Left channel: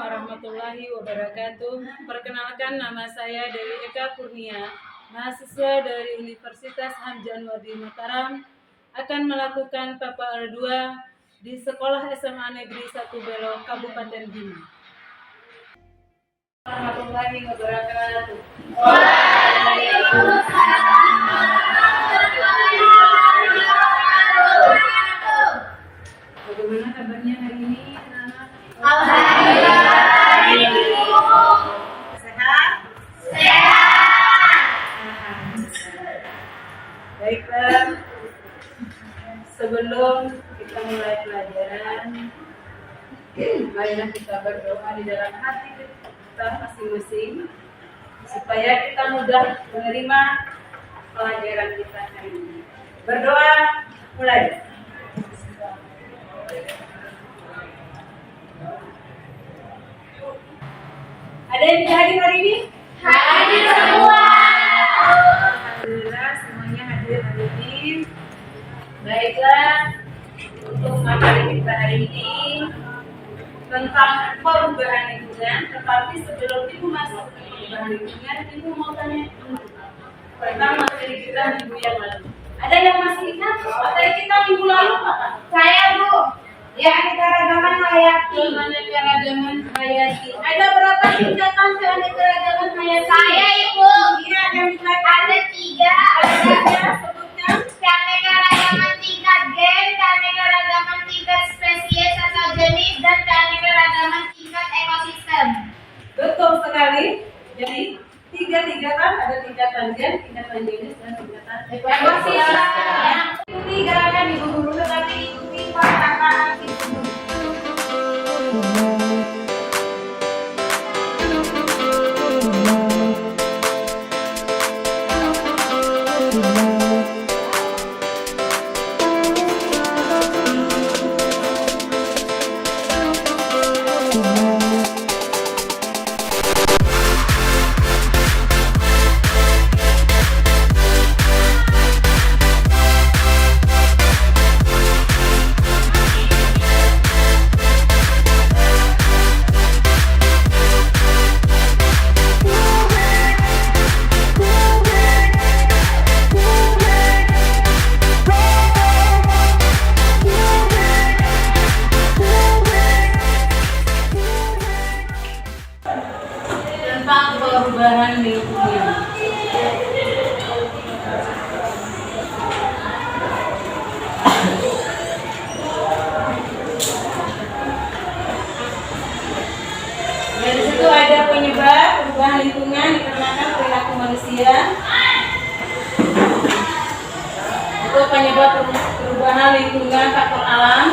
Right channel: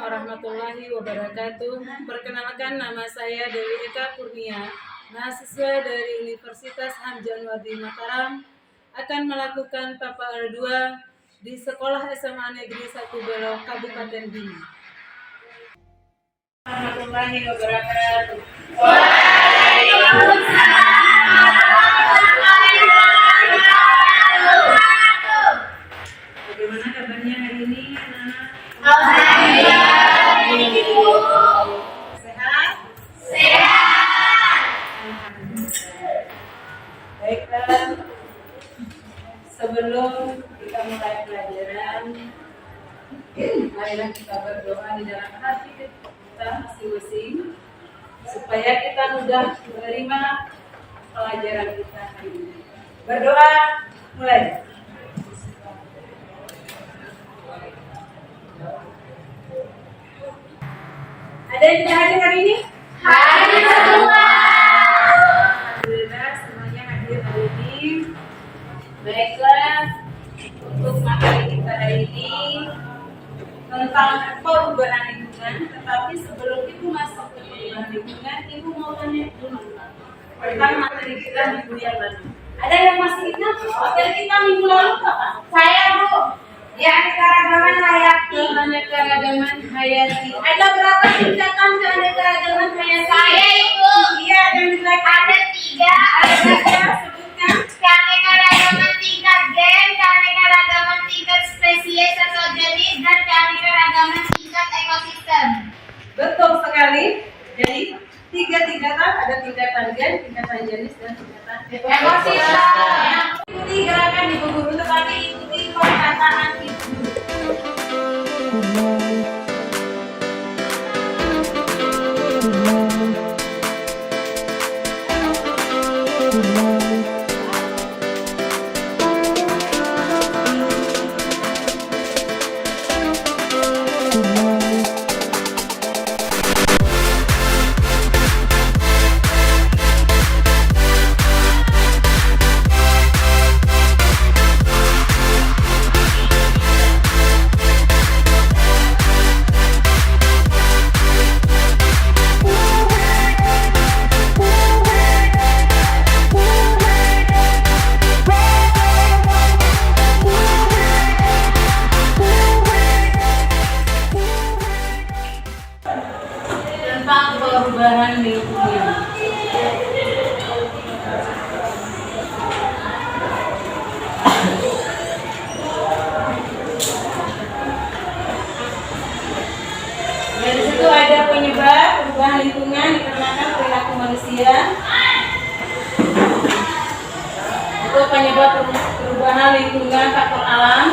warahmatullahi wabarakatuh. Perkenalkan, nama saya Dewi Eka Kurnia, mahasiswa dari Universitas Hamzah-Wadi Mataram, akan melakukan PAPA R2 di Sekolah SMA Negeri 1 Belo, Kabupaten Bima. Warahmatullahi wabarakatuh. Bagaimana kabarnya hari ini, anak-anak? Alhamdulillah, Ibu. Sehat? Sehat. Alhamdulillah. Baiklah, sebelum kita mulai pelajaran, marilah kita berdoa di dalam hati kita masing-masing supaya kita mudah menerima pelajaran kita hari ini. Berdoa, mulai. Ada yang tidak hadir hari ini? Hadir semua. Alhamdulillah, semuanya hadir hari ini. Baiklah, untuk materi kita hari ini tentang perubahan lingkungan. Tetapi sebelum itu masuk ke perubahan lingkungan, Ibu mau tanya dulu tentang materi kita minggu yang lalu. Ada yang masih ingat materi kita minggu lalu apa? Saya, Bu. Keanekaragaman hayati. Keanekaragaman hayati. Ada berapa tingkatan keanekaragaman hayati? Saya, Ibu. Iya, yang diterangkan. Ada 3. Ada, sebutkan. Keanekaragaman tingkat gen, keanekaragaman tingkat spesies atau jenis, dan keanekaragaman tingkat ekosistem. Betul sekali. Jadi 3 tingkatan, ada tingkatan gen, tingkatan jenis, dan tingkatan Ekosistem. Ikuti gerakan Ibu Guru, tetapi ikuti perkataan Ibu Guru. Tentang perubahan lingkungan. Dari situ ada penyebab perubahan lingkungan dikarenakan perilaku manusia. Itu penyebab perubahan lingkungan faktor alam,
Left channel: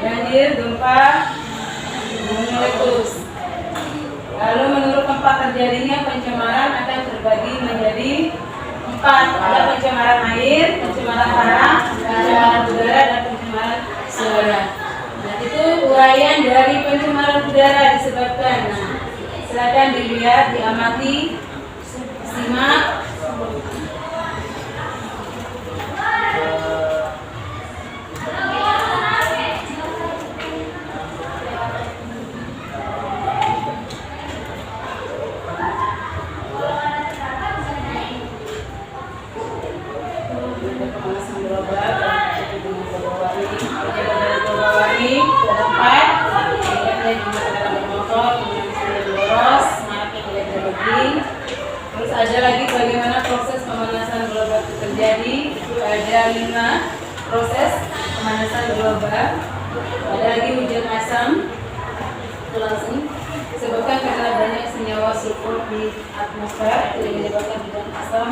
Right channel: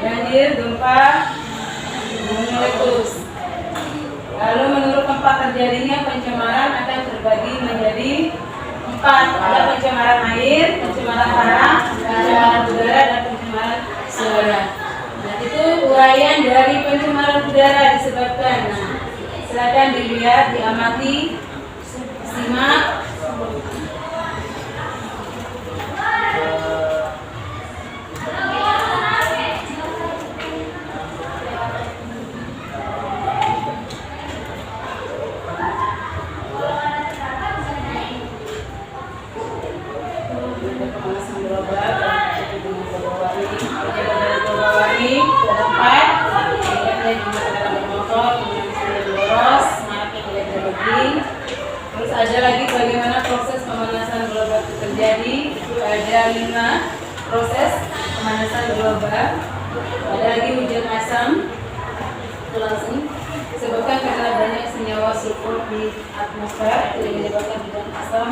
banjir, gempa, gunung meletus. Lalu menurut tempat terjadinya pencemaran akan terbagi menjadi 4. Ada pencemaran air, pencemaran tanah, pencemaran udara, dan pencemaran suara. Nah, itu uraian dari pencemaran udara disebabkan. Nah, silakan dilihat, diamati, simak. Pemanasan global, terus ada lagi bagaimana proses pemanasan global itu terjadi. Itu ada 5 proses pemanasan global. Ada lagi hujan asam, itu langsung disebabkan karena banyak senyawa sulfur di atmosfer yang menyebabkan hujan asam.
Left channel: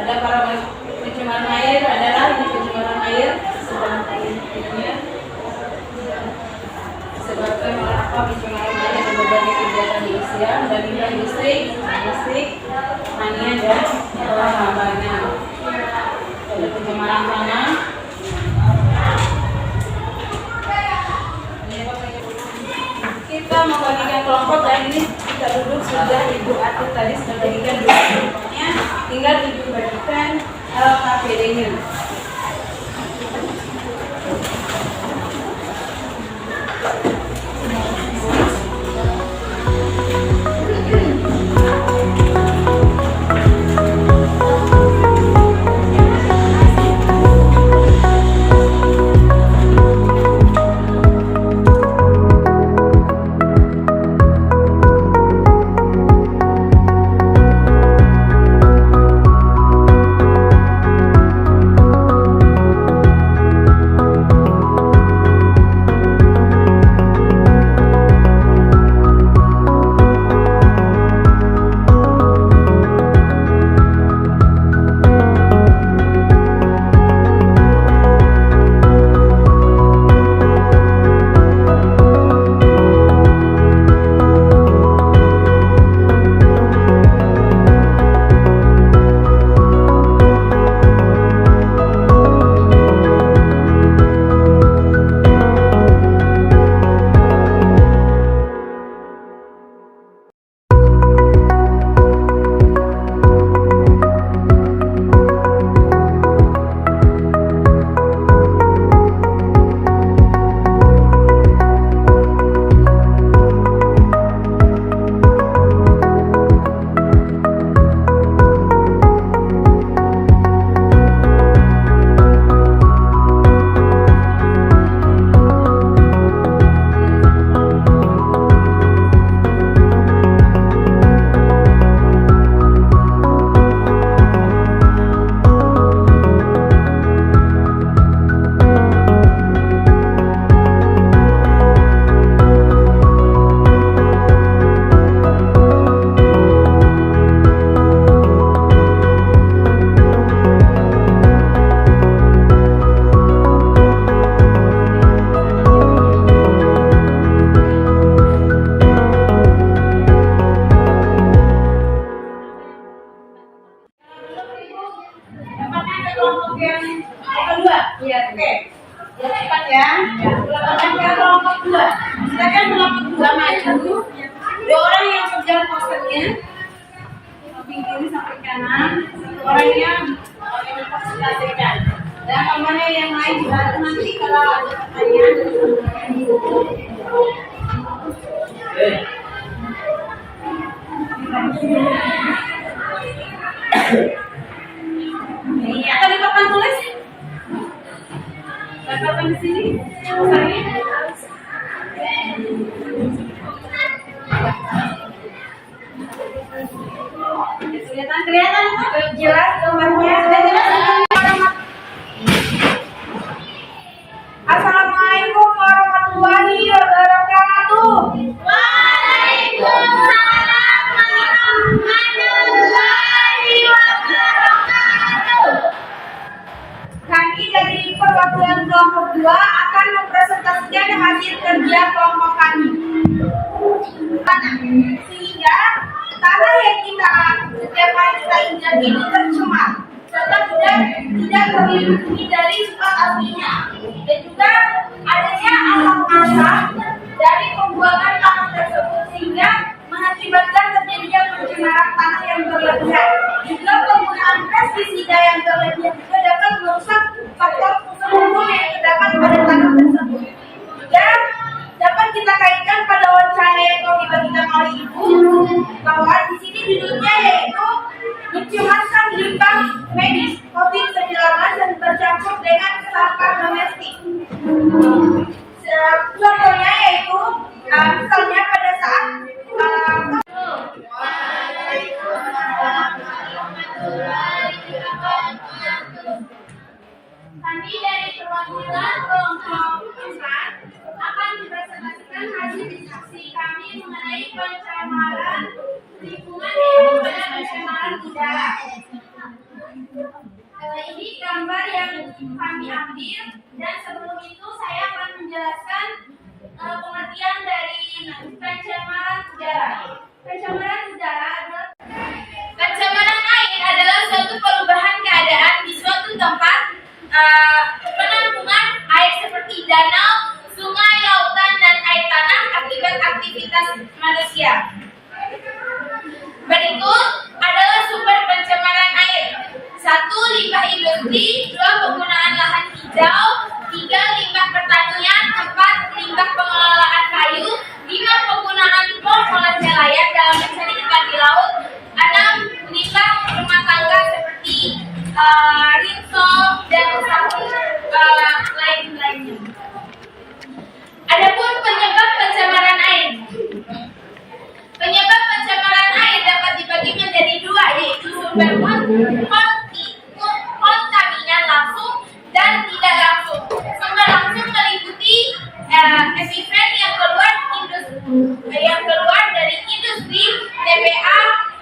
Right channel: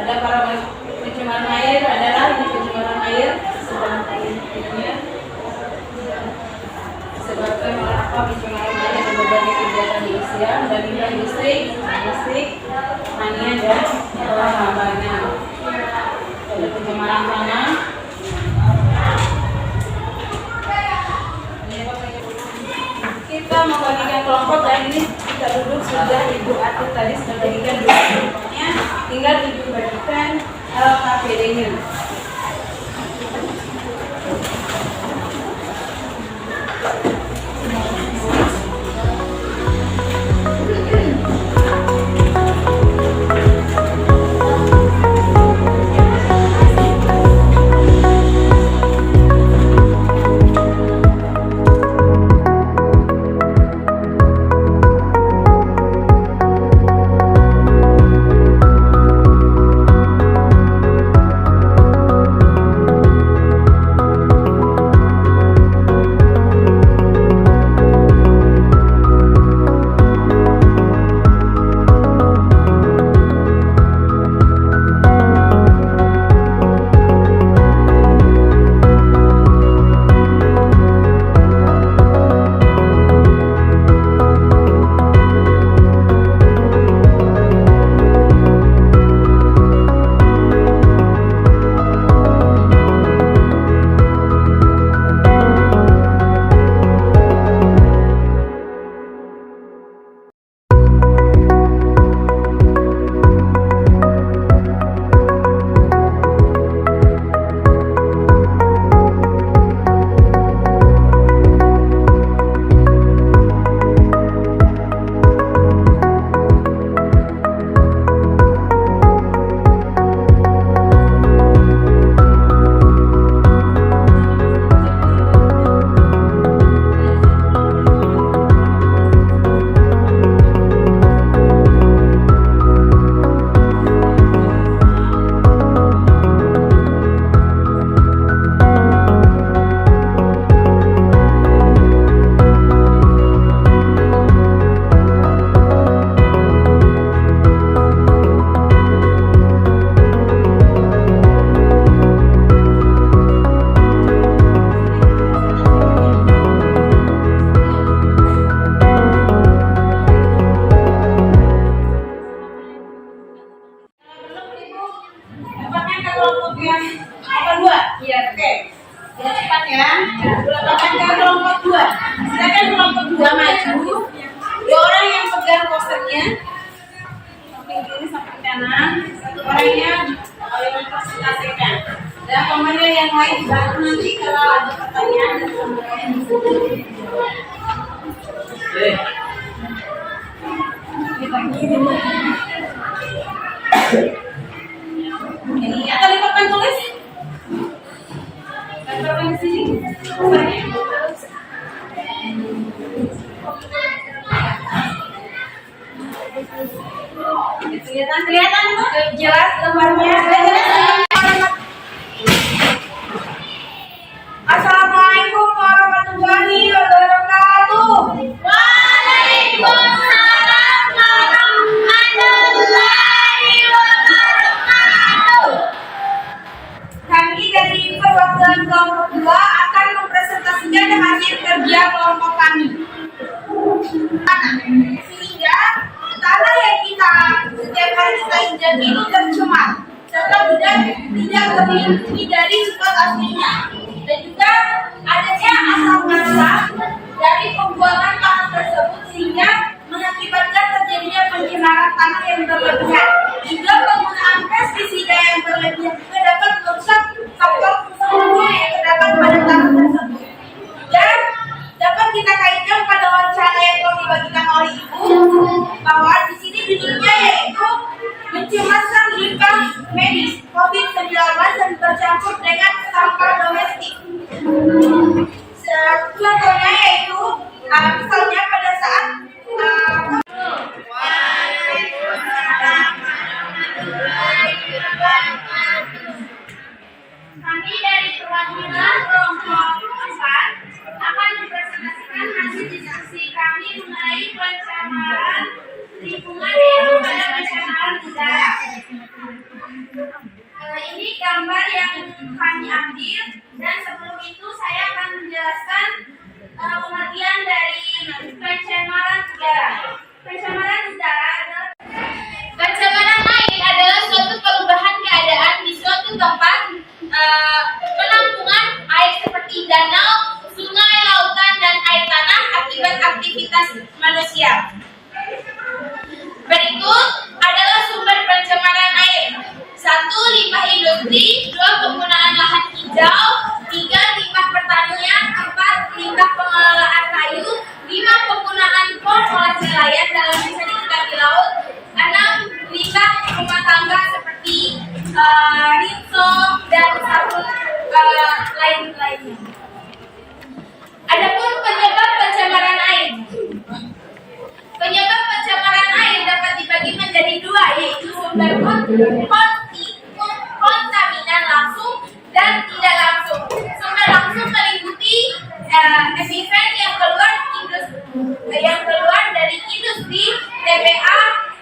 Ada para pencemaran air, adalah ini pencemaran air sedang ini disebabkan oleh apa pencemaran air dan berbagai kegiatan manusia dan limbah industri, pertanian dan pertambangan. Ada pencemaran tanah. Kita membagikan kelompok dan ini kita duduk sudah Ibu atur tadi sudah bagikan dua kelompoknya, tinggal Ibu bagikan KPD-nya. ya. Akan ke kelompok 2. Silakan kelompok 2 maju. 2 orang yang pegang posternya. Samping kiri samping kanan. 1 orangnya yang memfasilitasikan. Dan komandan yang lain bantu nanti kalau ada pertanyaan dan kemudian ini akan dipapan tulis. Papan di sini. Kelihatan Bu? Jelas gambarnya. Assalamualaikum warahmatullahi wabarakatuh. Waalaikumsalam warahmatullahi wabarakatuh. Kami dari perwakilan kelompok 2 akan mempresentasikan hasil kerja kelompok kami. Sehingga tanah yang kita setiap hari kita injak itu tercemar serta tidak terlindungi dari sifat aslinya, dan juga adanya asap-asap dari pembuangan tanah tersebut sehingga mengakibatkan terjadinya pencemaran tanah yang berlebihan. Juga penggunaan pestisida yang berlebihan juga dapat merusak faktor fungsi yang terdapat pada tanah tersebut. Dan dapat kita kaitkan pada wawancara yang telah dibagikan oleh Ibu bahwa di sini judulnya yaitu mencemaskan limbah medis COVID-19 dan bercampur dengan sampah domestik. Contohnya yaitu misalnya pada saat Kami dari perwakilan kelompok 4 akan mempresentasikan hasil diskusi kami mengenai pencemaran lingkungan yaitu pada pencemaran udara. Ini gambar yang kami ambil, dan sebelum itu saya akan menjelaskan pengertian dari pencemaran udara. Pencemaran udara adalah pencemaran air adalah suatu perubahan keadaan di suatu tempat penampungan air seperti danau, sungai, lautan, dan air tanah akibat aktivitas manusia. Berikut adalah sumber pencemaran air. 1. Limbah industri. 2. Penggunaan lahan hijau. 3. Limbah pertanian. 4. Limbah pengelolaan kayu. 5. Penggunaan bom oleh nelayan dalam mencari ikan di laut. 6. Limbah rumah tangga seperti rinso dan sabun lain-lainnya. Adapun penyebab pencemaran air. Penyebab pencemaran air dapat dibagi menjadi 2, yaitu sumber kontaminan langsung dan tidak langsung. Sumber langsung meliputi efisien yang keluar dari industri,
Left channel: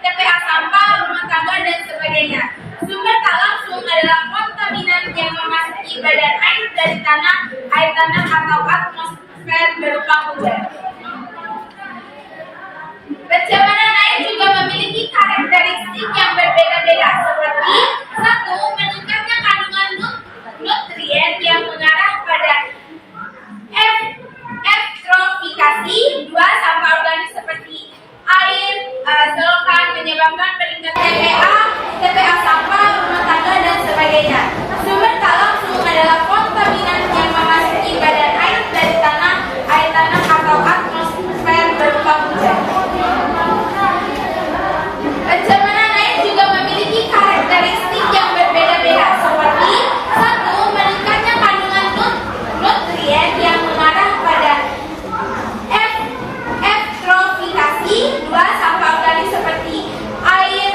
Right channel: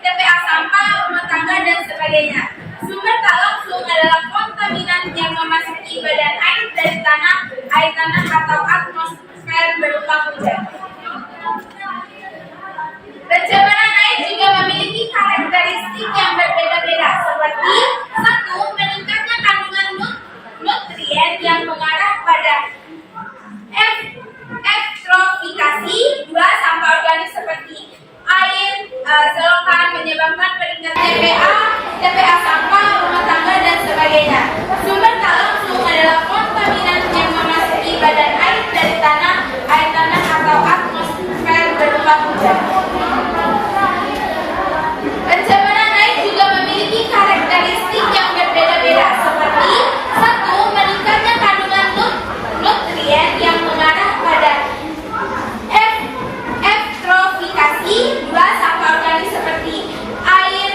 TPA sampah, rumah tangga, dan sebagainya. Sumber tak langsung adalah kontaminan yang memasuki badan air dari air tanah atau atmosfer berupa hujan. Pencemaran air juga memiliki karakteristik yang berbeda-beda, seperti 1. Meningkatnya kandungan nutrien yang mengarah pada eutrofikasi. 2. Sampah organik seperti air, selokan menyebabkan peningkatan TPA sampah, rumah tangga, dan sebagainya. Sumber tak langsung adalah kontaminan yang memasuki badan air dari air tanah atau atmosfer berupa hujan. Pencemaran air juga memiliki karakteristik yang berbeda-beda, seperti 1. Meningkatnya kandungan nutrien yang mengarah pada eutrofikasi. 2. Sampah organik seperti air,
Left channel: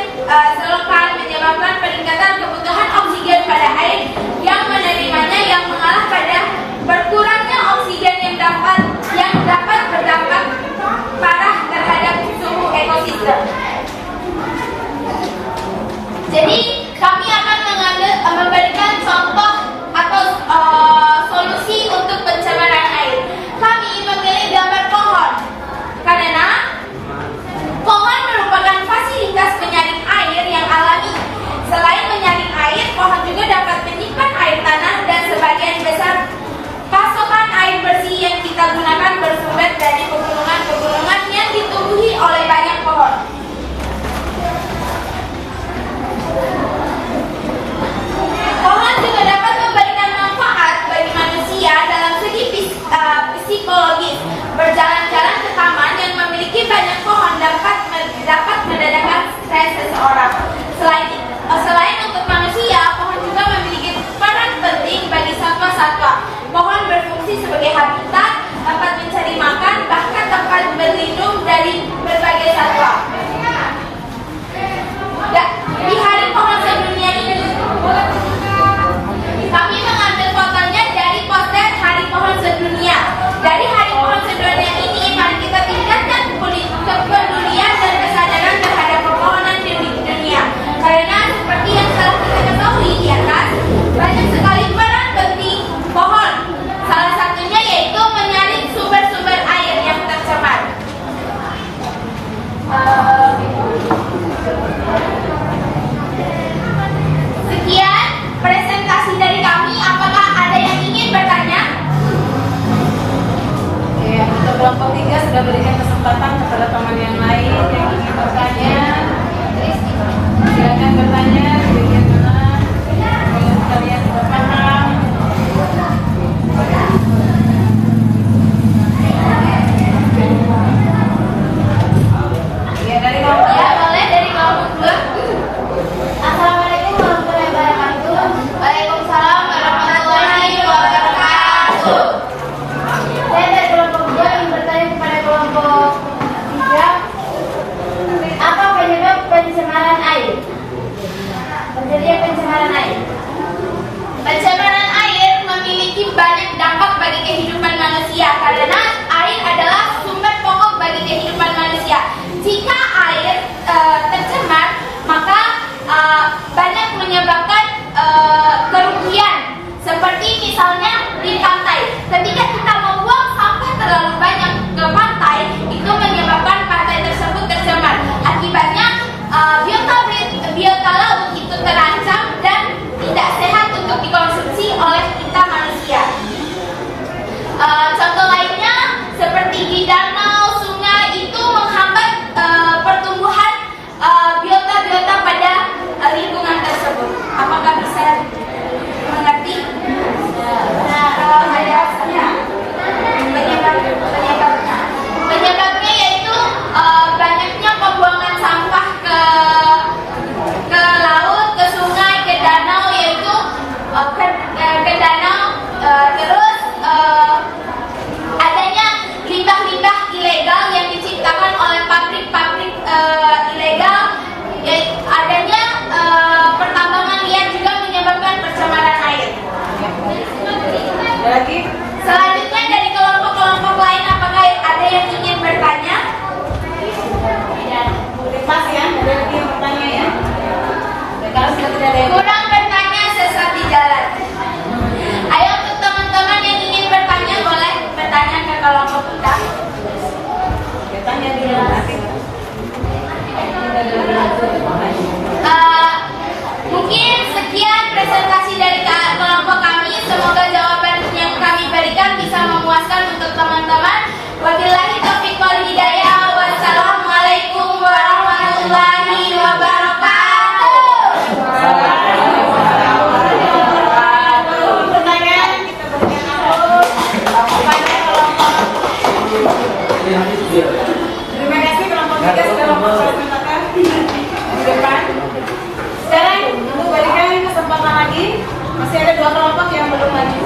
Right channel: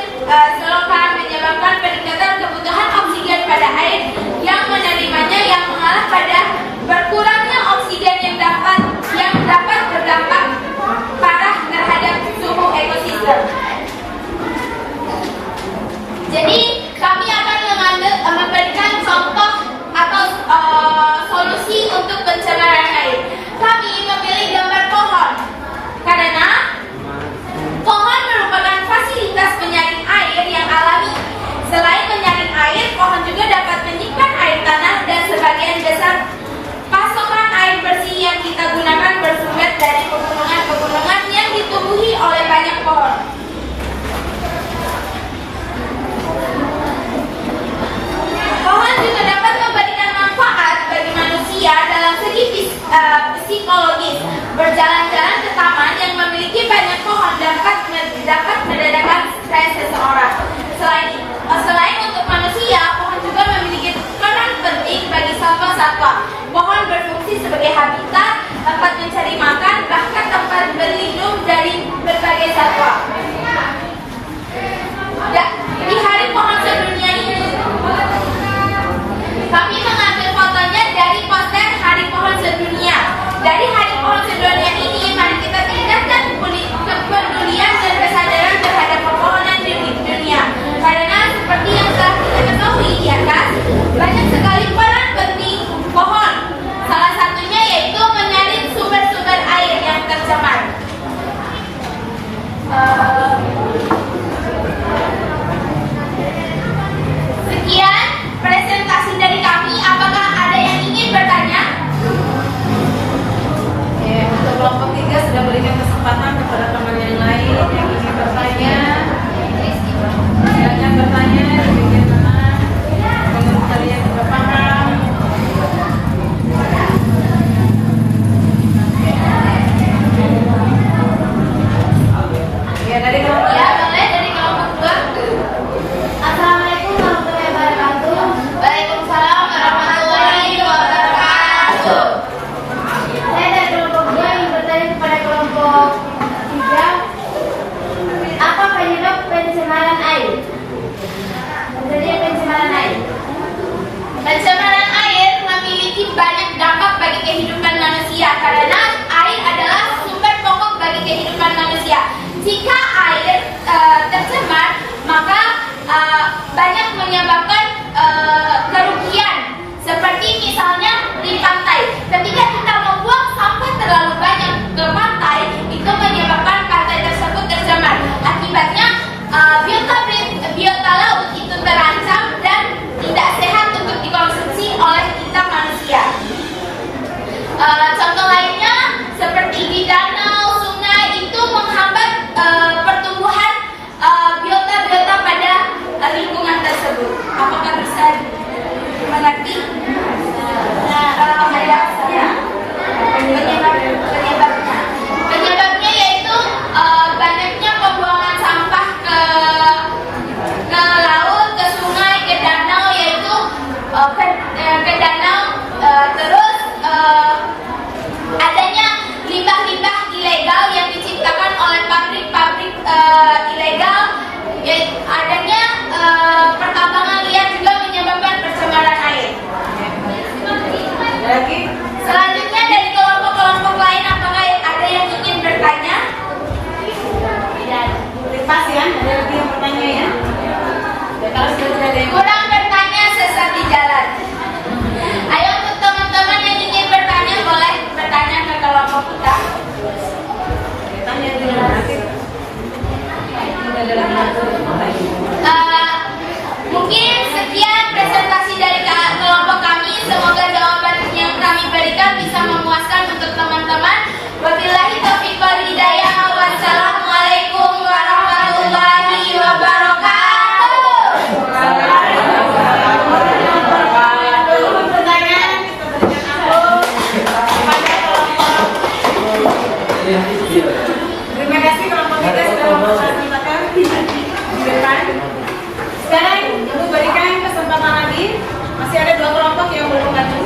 selokan menyebabkan peningkatan kebutuhan oksigen pada air yang menerimanya, yang mengarah pada berkurangnya oksigen yang dapat berdampak parah terhadap suhu ekosistem. Jadi kami akan memberikan contoh atau solusi untuk pencemaran air. Kami memilih gambar pohon karena pohon merupakan fasilitas penyaring air yang alami. Selain menyaring air, pohon juga dapat menyimpan air tanah dan sebagian besar pasokan psikologis. Berjalan-jalan ke taman yang memiliki banyak pohon dapat meredakan stres seseorang. Selain untuk manusia, pohon juga memiliki peran penting bagi satwa-satwa. Pohon berfungsi sebagai habitat, dapat mencari makan, bahkan dapat berlindung dari berbagai satwa. Di hari pohon sedunia ini, kami mengambil fotonya dari poster Hari Pohon Sedunia. Dari Hari Pohon Sedunia ini, mari kita tingkatkan kepedulian dan kesadaran terhadap pepohonan di dunia. Karena seperti yang telah kita ketahui di atas, banyak sekali peran penting pohon. Salah satunya yaitu menyaring sumber-sumber air yang tercemar. Sekian presentasi dari kami. Apakah ada yang ingin bertanya? Ya, untuk kelompok 3 sudah berikan kesempatan kepada teman yang lain yang ingin bertanya. Silakan bertanya di bagian mana. Menurut kalian sudah paham? Ya, dari kelompok Ya, boleh dari kelompok 2. Assalamualaikum warahmatullahi wabarakatuh. Waalaikumsalam warahmatullahi wabarakatuh. Saya dari kelompok 2 ingin bertanya kepada kelompok 3, apa penyebab pencemaran air? Terjadinya pencemaran air. Pencemaran air memiliki banyak dampak bagi kehidupan manusia karena air adalah sumber pokok bagi kehidupan manusia. Jika air tercemar, maka banyak menyebabkan kerugian. Seperti misalnya di pantai, ketika kita membuang sampah terlalu banyak ke pantai, itu menyebabkan pantai tersebut tercemar. Akibatnya biota laut itu terancam dan tidak sehat untuk dikonsumsi oleh kita manusia. Contoh lainnya seperti di danau, sungai itu menghambat pertumbuhan biota-biota pada lingkungan tersebut. Apakah bisa mengerti? Penyebabnya yaitu banyaknya pembuangan sampah ke laut, ke sungai, ke danau, yaitu ke danau, terus adanya limbah-limbah ilegal yang diciptakan oleh pabrik-pabrik ilegal, adanya pertambangan liar juga menyebabkan pencemaran air. lagi. Selanjutnya dari kelompok-kelompok lain, apakah ada yang ingin bertanya? Tidak. Lepas ya, ada lagi yang bertanya ya. Ya, kalau sudah tidak ada yang Kurang bertanya sesat di jalan. Ayo untuk teman-teman yang ingin bertanya, boleh bertanya ke kelompok kita. bertanya dengan akhir. Sudah ada lagi. Mungkin sekian presentasi dari kelompok kami. Semoga jawaban yang kami berikan bisa memuaskan untuk teman-teman. Wabillahi taufiq wal hidayah. Wassalamualaikum warahmatullahi wabarakatuh. Pertanyaan kita berikan kepada kelompok. Terima kasih kelompok 3 sudah mempersilahkan di depan. Sekarang Ibu berikan kesempatan lagi. Masih ada 2 kelompok yang belum maju.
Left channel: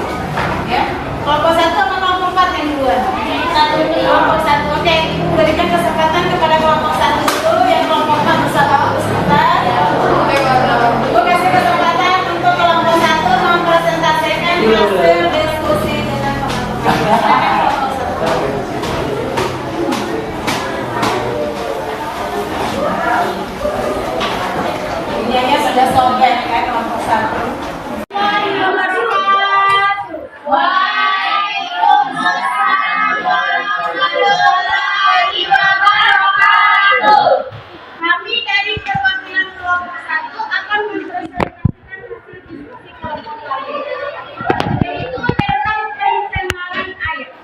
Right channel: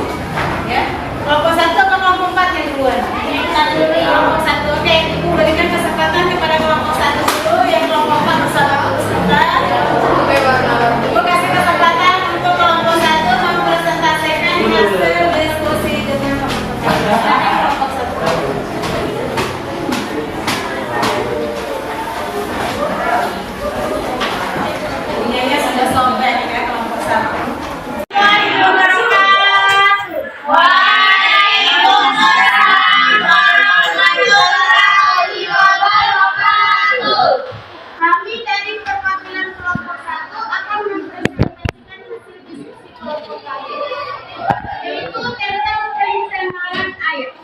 Ya. Kelompok 1 atau kelompok 4 yang duluan? Kelompok 1. Oke, Ibu berikan kesempatan kepada kelompok 1 dulu, yang kelompok 4 bersama Ibu sebentar. Ibu kasih kesempatan untuk kelompok 1 mempresentasikan hasil diskusi dengan teman-teman. Silakan kelompok 1. Ininya sudah sobek ya kelompok 1. Waalaikumsalam warahmatullahi wabarakatuh. Kami dari perwakilan kelompok 1 akan mempresentasikan hasil diskusi kelompok lain, yaitu tentang pencemaran air.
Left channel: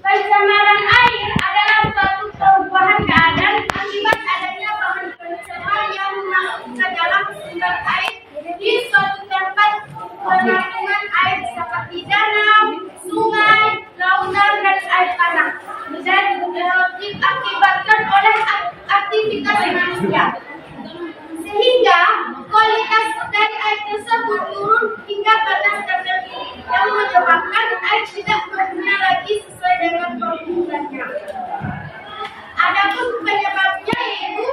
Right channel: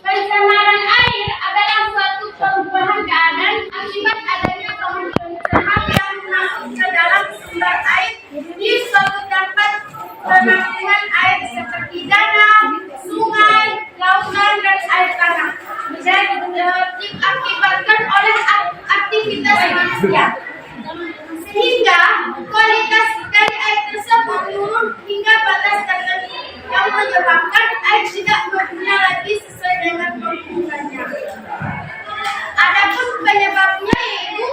Pencemaran air adalah suatu perubahan keadaan akibat adanya bahan pencemar yang masuk ke dalam sumber air di suatu tempat penampungan air seperti danau, sungai, lautan, dan air tanah dan diakibatkan oleh aktivitas manusia. Sehingga kualitas dari air tersebut turun hingga batas tertentu yang menyebabkan air tidak berguna lagi sesuai dengan fungsinya. Adapun penyebabnya yaitu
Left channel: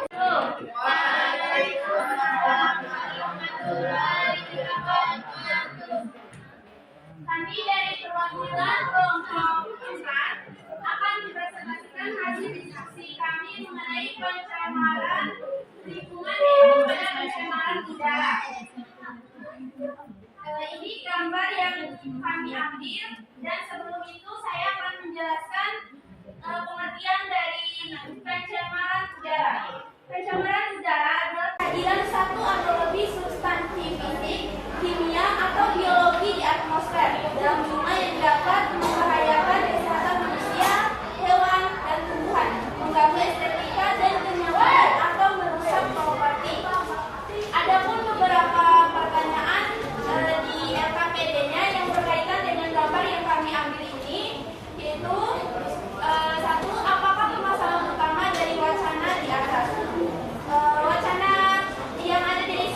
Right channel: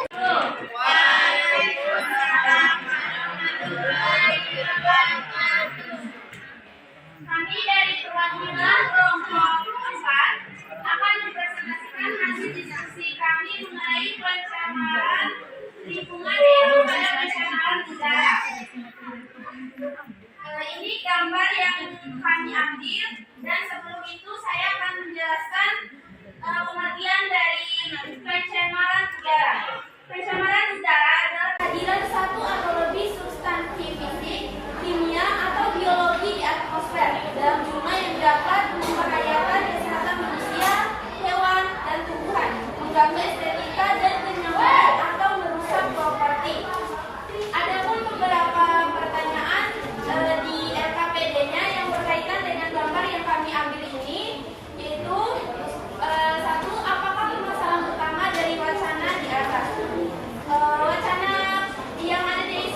Kami dari perwakilan kelompok 4 akan mempresentasikan hasil diskusi kami mengenai pencemaran lingkungan yaitu pada pencemaran udara. Ini gambar yang kami ambil dan sebelum itu saya akan menjelaskan pengertian dari pencemaran udara. Pencemaran udara adalah kehadiran satu atau lebih substansi fisik, kimia atau biologi di atmosfer dalam jumlah yang dapat membahayakan kesehatan manusia, hewan, dan tumbuhan, mengganggu estetika dan kenyamanan atau merusak properti. Adapun beberapa pertanyaan di RKPD-nya yang berkaitan dengan gambar yang kami ambil ini, yaitu satu, apakah permasalahan utama dari wacana di atas? Wacana yang ada di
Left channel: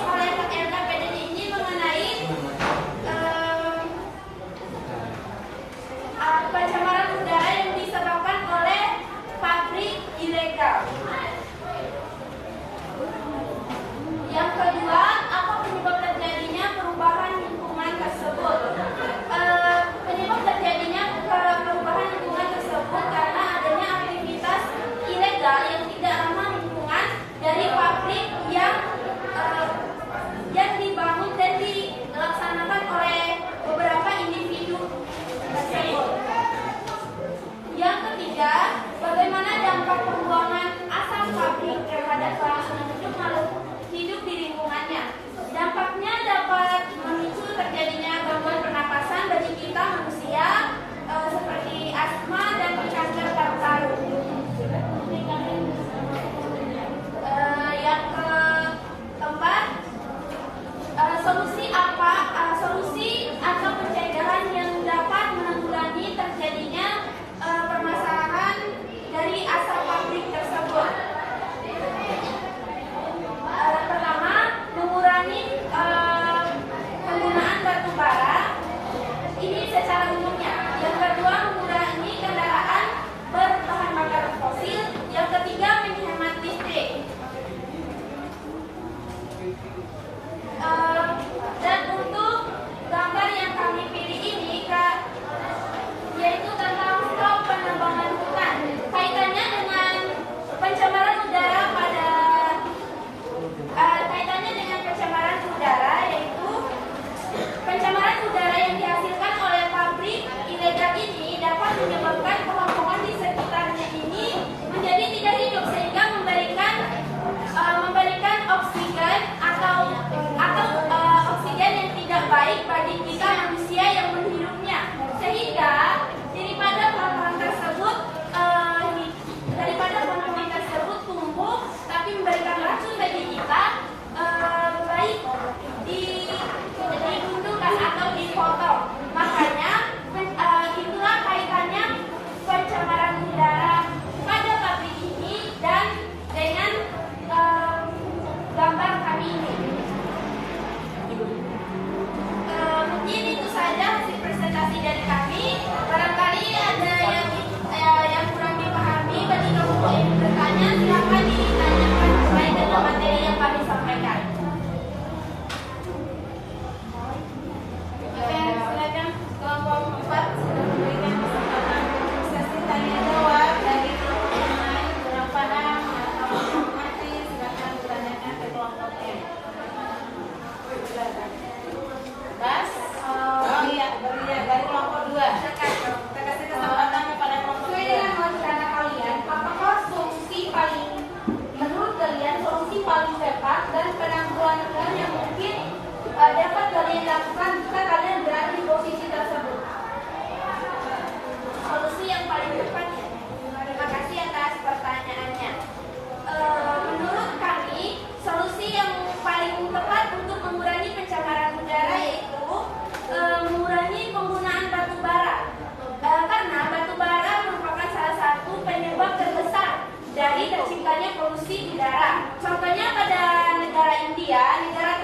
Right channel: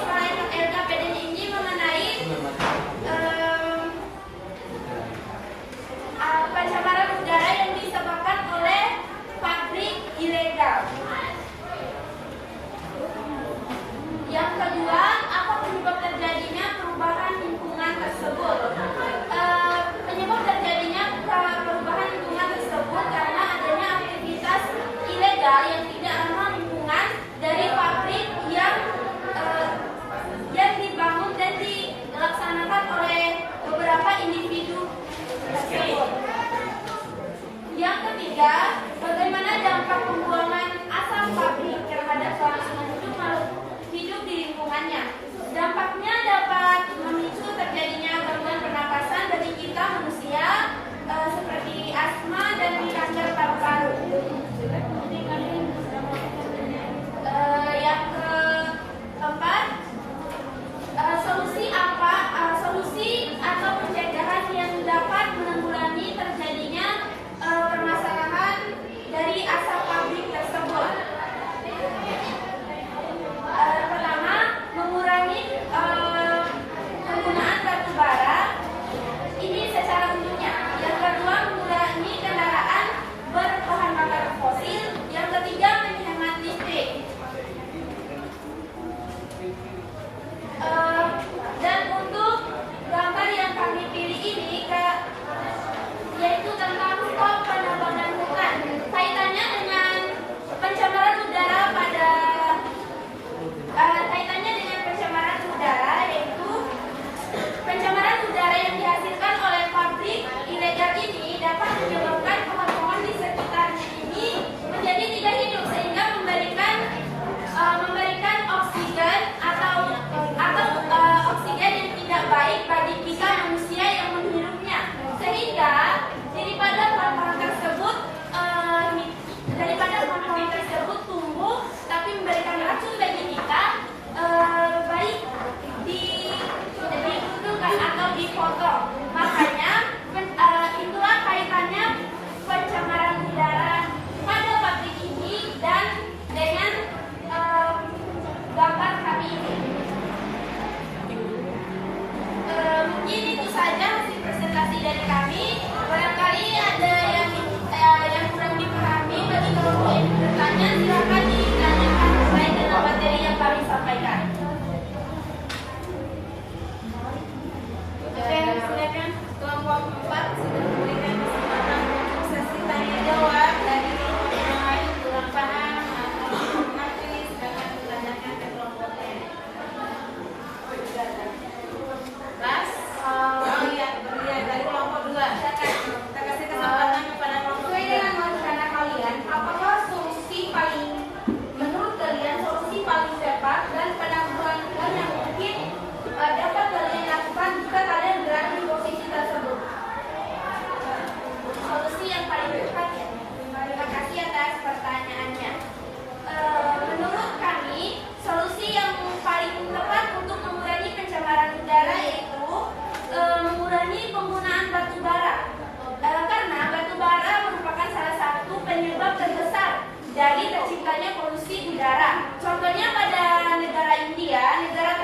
dari terciptanya polusi udara. Contohnya pada negara India, negara